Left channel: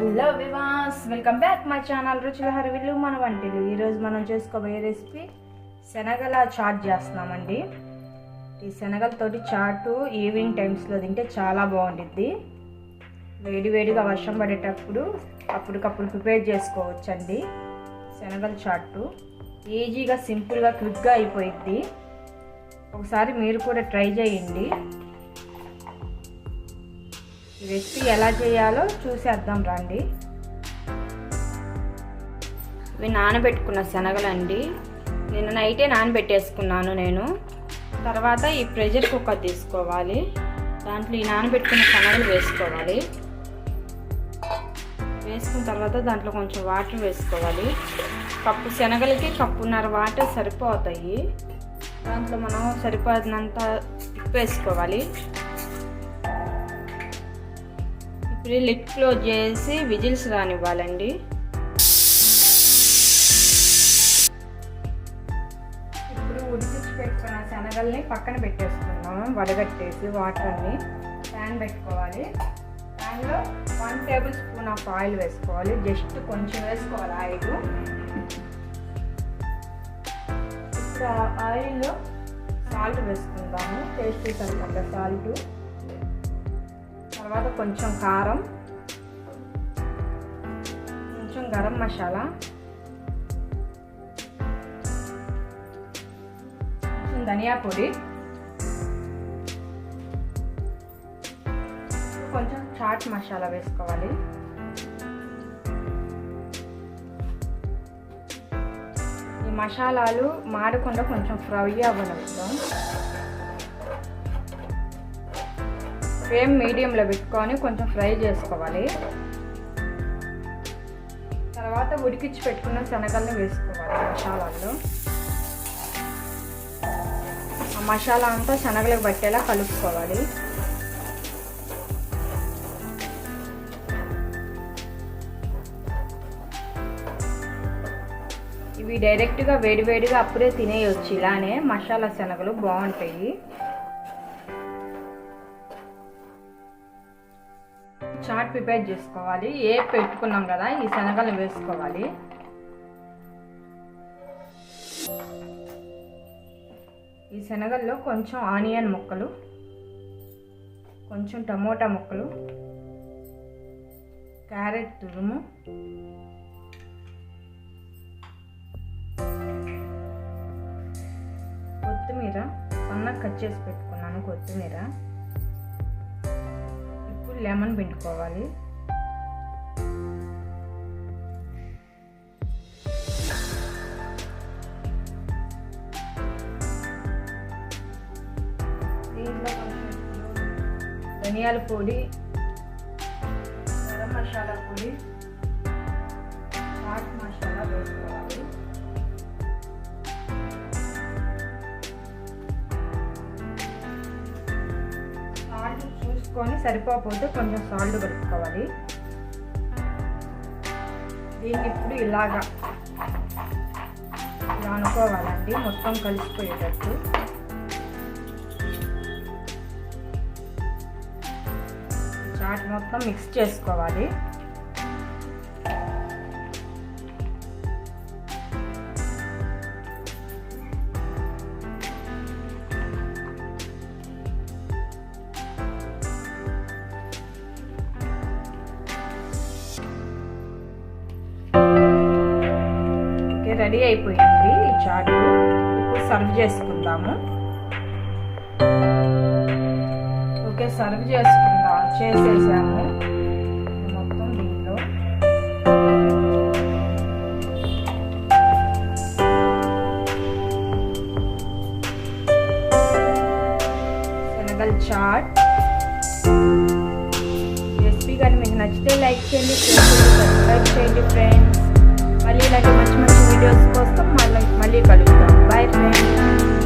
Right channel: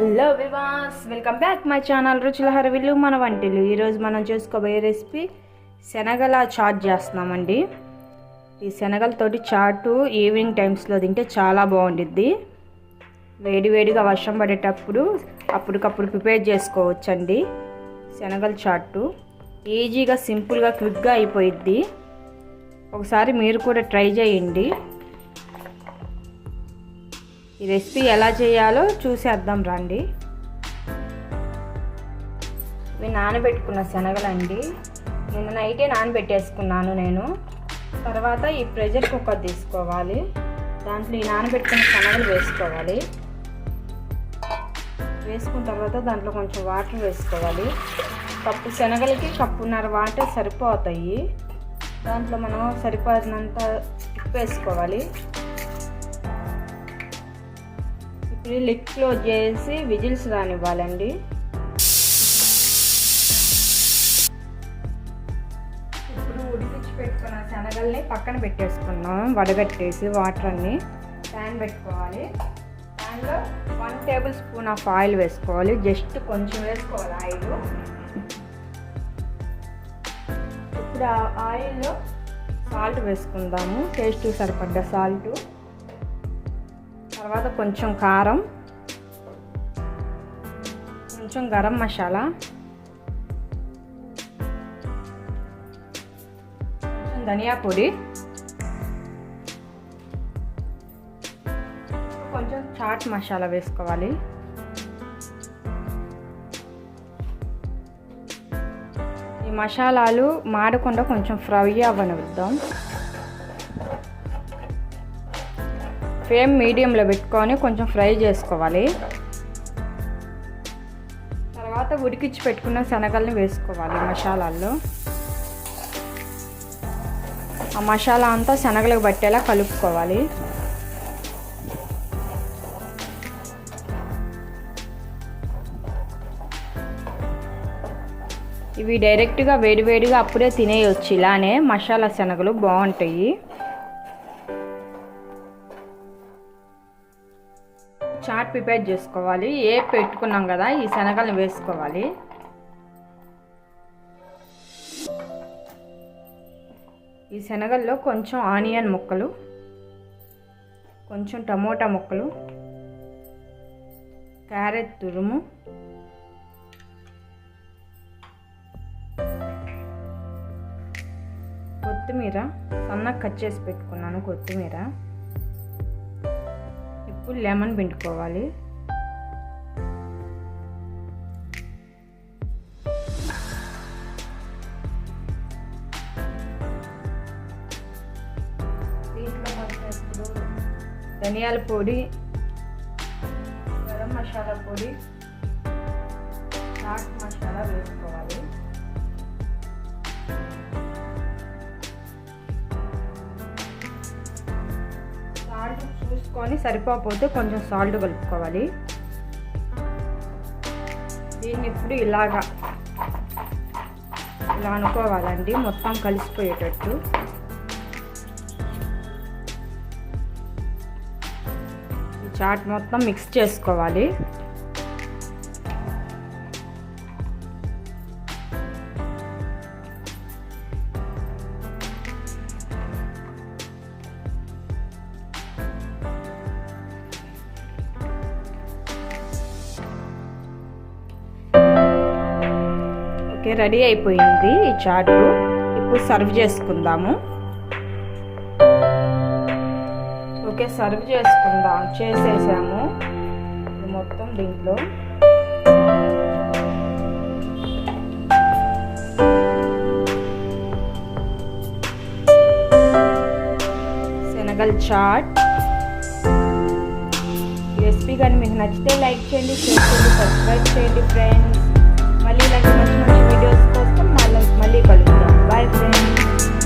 Hello వివాస్ welcome back my channel రుచుల హరవిల్లు మన వంటలు ఈరోజు మనం చేసుకోబోయే రెసిపీ శనగల చాట్ చేస్తున్నామండి. ఈ శనగలతోటి చాటు ఈవినింగ్ టైమ్స్లో తింటే చాలా బాగుండిద్ది. వేడివేడిగా వర్షం పడేటప్పుడు అప్పటికప్పుడు ప్రిపేర్ చేసుకోవచ్చండి శనగల చాటు. ఈజీగా సింపుల్గా క్విక్గా అయిపోయిద్ది. ఒకసారి మీరు కూడా ట్రై చేయండి. ఈ రెసిపీ ఎలా చేయాలో చూసేద్దాం రండి. ఇవి నానబెట్టుకున్న శనగలండి. నిన్న నైటే నానబెట్టేసుకున్నాను నేను. తర్వాత ఈ ప్రెషర్ కుక్కర్ తీసుకోవాలి. దాంట్లో ఈ నానబెట్టుకున్న శనగలు వేసుకోవాలి. వేసుకున్న తర్వాత దాంట్లో కొంచెం వాటర్ వేసుకోవాలి. కప్పు శనగలకి కప్పున్నర వాటర్ సరిపోతాయి. దాంట్లో మనం సరిపోయినంత ఉప్పు వేసుకోవాలి. ఇప్పుడు లిడ్ క్లోజ్ చేసి విజిల్స్ రానివ్వాలండి. ఇప్పుడు ఉడికించి పెట్టుకున్న శనగల్ని పక్కన పెట్టేసుకున్నాం. వడగట్టేసి వాటర్ అన్ని ప్యాన్ పెట్టుకోవాలి. ప్యాన్లో one table spoon of oil వేసుకోవాలి. జస్ట్ కొంచెం వేసుకోవాలి ఆయిల్. ఇప్పుడు ఆ ఆయిల్లో సాల్ట్ వేసుకుందాము. టేస్ట్ సరిపడ్డ సాల్ట్. తర్వాత కొంచెం కారం కొంచెం గరం మసాలా కొంచెం ధనియా పొడి కొంచెం చాట్ మసాలా వేసుకోవాలి. ఈ మసాలాలు మాడకుండా కొంచెం ఫ్రై అవ్వనిద్దాం ఫ్లేమ్ మీడియంలో పెట్టుకొని కొంచెం ఫ్రై చేసుకోవాలి. తర్వాత ఉడికించి పెట్టుకున్న శనగల్ని వేసుకోవాలి మసాలాల్లో. ఆ మసాలా అంతా శనగలకు పట్టేలా కలుపుకోవాలి. ఇవి డైరెక్ట్గా వేడివేడిగా అప్పుడే తినేయొచ్చు. ఇలానే మసాలా శనగలు బాగుంటాయి. చాట్ ప్రిపేర్ చేసుకోవాలి. ఏ పెట్టుకున్నాం కదా ఈ శనగలను వేసుకోవాలి. ఈ శనగల్లో కొంచెం ఆనియన్ ముక్కలు కొంచెం టమోటా ముక్కలు క్యారెట్ తురుము కొత్తిమీర సన్నగా కట్ చేసి పెట్టుకున్నాను కొత్తిమీర. ఇప్పుడు లెమన్ పిండుకోవాలి. దీంట్లో ఇప్పుడు ధనియాల పొడి గరం మసాలా పొడి చాట్ మసాలా వేసుకోవాలి. చూసుకొని సరిపోకపోతే కొంచెం సాల్ట్ కలుపుకోవాలి. దీన్ని ఇప్పుడు ఇలాగా ఇలా అనుకోవాలండి మొత్తం కలిసిపోయేటట్టు. చాట్ మొత్తం మిక్స్ చేసుకోవాలి. ఓకే రెడీ అయిపోయింది ఈ చాటు ఇప్పుడు సర్వ్ చేసుకుందాము. ఓకే సర్వ్ చేసుకుందాం. చేసేసాము. మొత్తం దీంట్లో. శనగల్ చాట్. రెసిపీ కానీ మీకు నచ్చితే లైక్ చేయండి షేర్ చేయండి సబ్స్క్రైబ్ చేయండి ఫ్రెండ్స్. మళ్ళీ ఇలాగే మంచి మంచి వీడియోస్ కోసం మళ్ళీ మళ్ళీ కలుగుతాం బాయ్ ఫ్రెండ్స్